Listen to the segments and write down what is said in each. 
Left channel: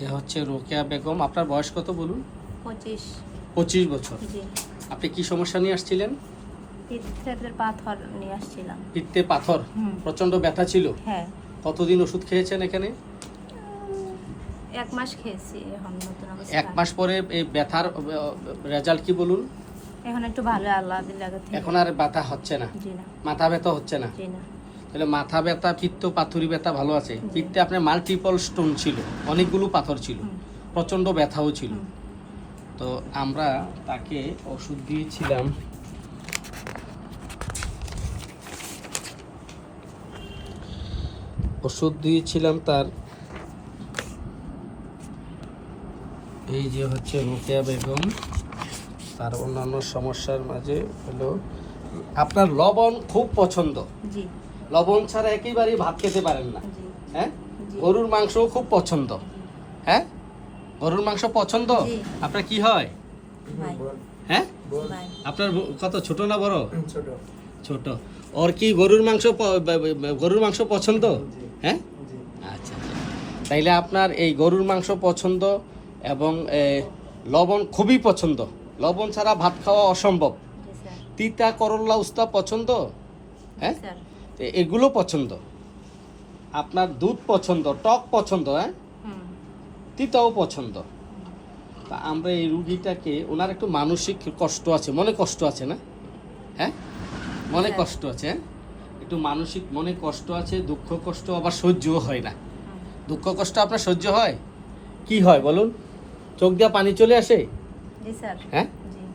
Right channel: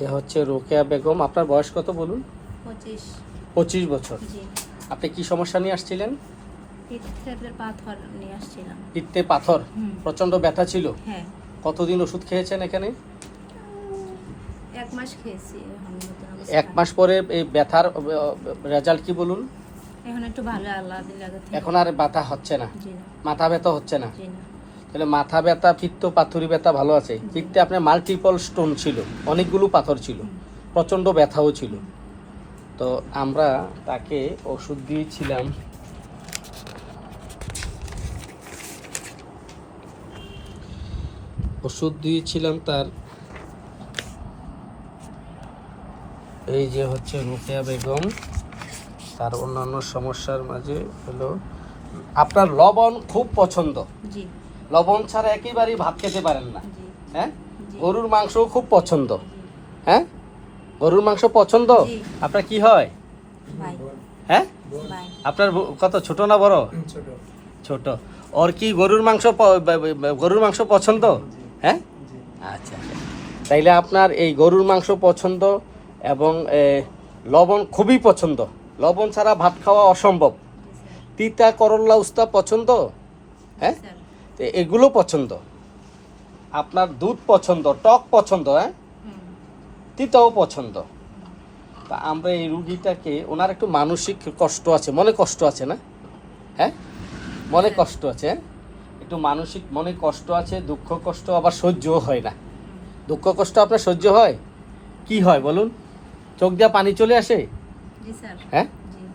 এ হচ্ছে রোকেয়া বেগম। আপনার বয়স কত বলুন? পঁচিশ। পঁচিশ বছর। জি। আপনি কি সমস্যা নিয়ে আসছিলেন? পিত্তের পাথর নিয়ে আসছিলাম। পিত্তে পাথর। প্রচণ্ড ব্যথা ছিল? হ্যাঁ। কতদিন ওষুধ খেয়েছেন এখানে? এক মাস খেয়েছি এখন নতুন অবস্থা। এক মাস পরে এই ব্যথার রেজাল্ট কি বলুন? এখন একটু ভালো আল্লাহ দিলে এখন আর ব্যথা হচ্ছে না। না। মাথা ব্যথা হচ্ছে না। জি না। তাহলে মাথা ব্যথা, পিত্ত, পাথরি ব্যথা ভালো আছে। পিত্তে আপনার মাল্টিপল স্টোন ছিল, অনেকগুলো পাথর ছিল হুম। প্রচণ্ড ব্যথাও ছিল। তো আমরা তাকে ওষুধ দিয়েছিলাম। ওষুধ দিয়েছিলাম তার। এই যে হচ্ছে রুকিয়া বেগম, তার অন্যান্য সমস্যার মাঝে হলো, আপনার লবণ খুব পছন্দ। জি। লবণ ছাড়া একেবারেই ভাত খেতে পারেন না। হ্যাঁ? গরুর মাংস খুব পছন্দ। হ্যাঁ? গরুর মাংস পছন্দ? আপনার কি হয়? হ্যাঁ? আপনার কত ছোট না বড়? ছোট। ছোট। ওর কি গরুর মাংস গরুর মাংস পছন্দ? হ্যাঁ? জি। আচ্ছা তাইলে আপনার এই গরুর মাংস পছন্দ এবং লবণ খুবই পছন্দ। লবণ ছাড়া ভাত খাওয়া অসম্ভব। তিতা করল্লা উস্তা পছন্দ? হ্যাঁ? তো এগুলো পছন্দ। আপনার দুধ পছন্দ টক পছন্দ হ্যাঁ? তিতাও পছন্দ। তা আমরা এই রুগীটাকে ওনার একটু মানসিক কষ্ট আছে মনে কষ্ট আছে না? হ্যাঁ? মনে হ্যাঁ। কষ্ট আছে হ্যাঁ? একটু মানসিক মনে কষ্ট আছে দুঃখ কষ্ট আবার সহ্যও হয় না। দুঃখ কষ্ট আপনার সহ্য হয়? কি হয় বলুন? চোখ দিয়ে পানি চলে আসে? হ্যাঁ?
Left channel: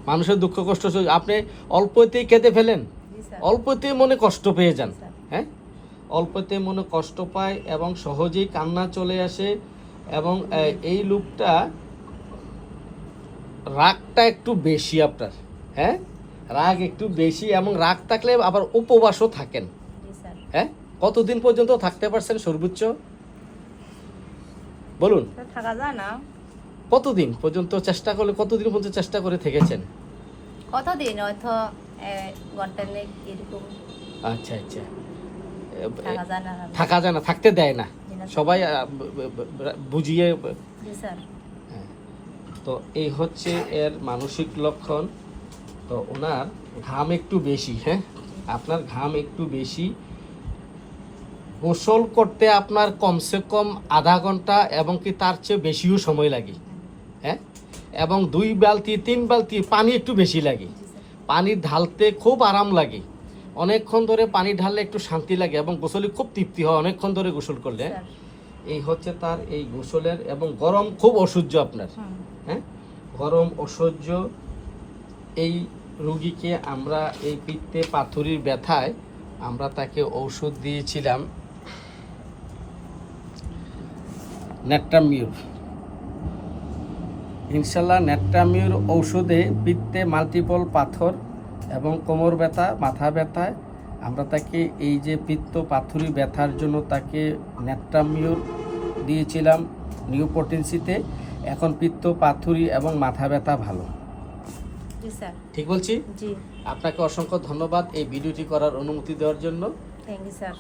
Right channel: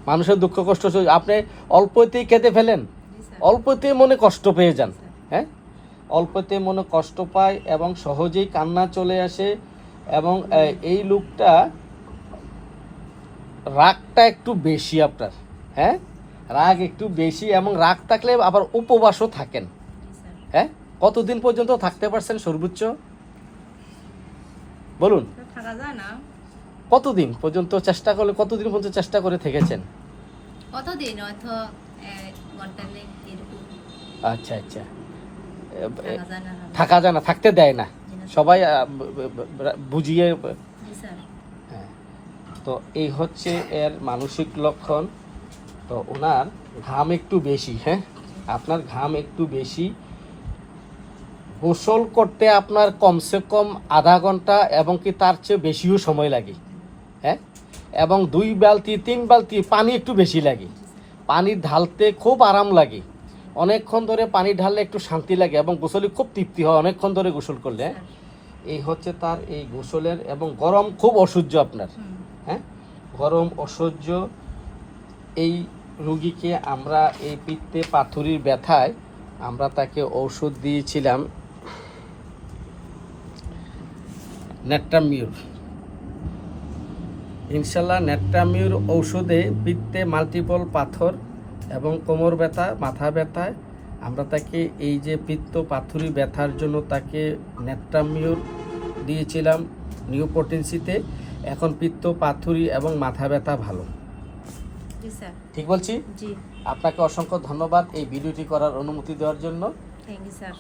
মানুষের দুঃখ কষ্ট সহ্য- আপনি অল্পতেই কেঁদে ফেলেন। স্যার। মনে কষ্ট পেয়ে যান। হ্যাঁ? অল্পতে মনে কষ্ট পায় এবং সহজেই কান্না চলে আসে এবং এই লোকটা রাগটা একটু বেশি আপনার হ্যাঁ? রাগ একটু বেশি এবং রাগ থাকলে আবার উপবাসও থাকেন। হ্যাঁ? কতদিন পর্যন্ত থাকতে পারছেন সর্বোচ্চ? বলুন। থাকা যায় না। কতদিন পর্যন্ত চেষ্টা করলে কতদিন পর্যন্ত চেষ্টা করে থেকেছেন? কতদিন? হয়তো ঘণ্টা নেই এরকম। আচ্ছা আচ্ছা। থাকা যায় না থাকতে দেয় না। সবাই বুঝিয়ে তো এই হচ্ছে এর মানসিক লক্ষণ। তো ওনার ঘাম একটু বেশি হ্যাঁ? আপনার ঘাম একটু বেশি। গোসল করতে আপনার কমসে কম আধা ঘণ্টা এবং কি তার চেয়ে বেশিও সময় লাগে হ্যাঁ? এবং দুই বালতি তিন বালতি পানি একটু বেশি লাগে। পানি ঢালতে খুব আরাম লাগে। অনেকক্ষণ ধরে পানি ঢাললে একটু শান্তি লাগে এবং গোসলে খুব তৃপ্তি হয় অনেকক্ষণ ধরে গোসল করলে? এই হচ্ছে তার এই গোসলের এবং গরম খুব অসহ্য আপনার। হ্যাঁ? গরম অসহ্য এই রুগীকে আমরা এই পিত্তে পাথরির ব্যথায় আমরা তাকে ওষুধ দিয়েছিলাম। নেট্রামিউর। ইনশাল্লাহ নেট্রামিউর ঔষধে পিত্তে মাল্টিপল পাথর এবং কোমর ব্যথা মাথা ব্যথায় আমরা তাকে এই যে পিত্ত পাথুরি ব্যথার জন্য তাকে নেট্রামিউর দিয়েছিলাম নিউপোটেন্সিতে। এখন পিত্ত পাথুরি এবং মাথা ব্যথা ভালো। স্যার। ঠিক বলছি? আপনাকে অসংখ্য ধন্যবাদ এই ভিডিওটি করার অনুমতি দেওয়ার জন্য। Thank you sir.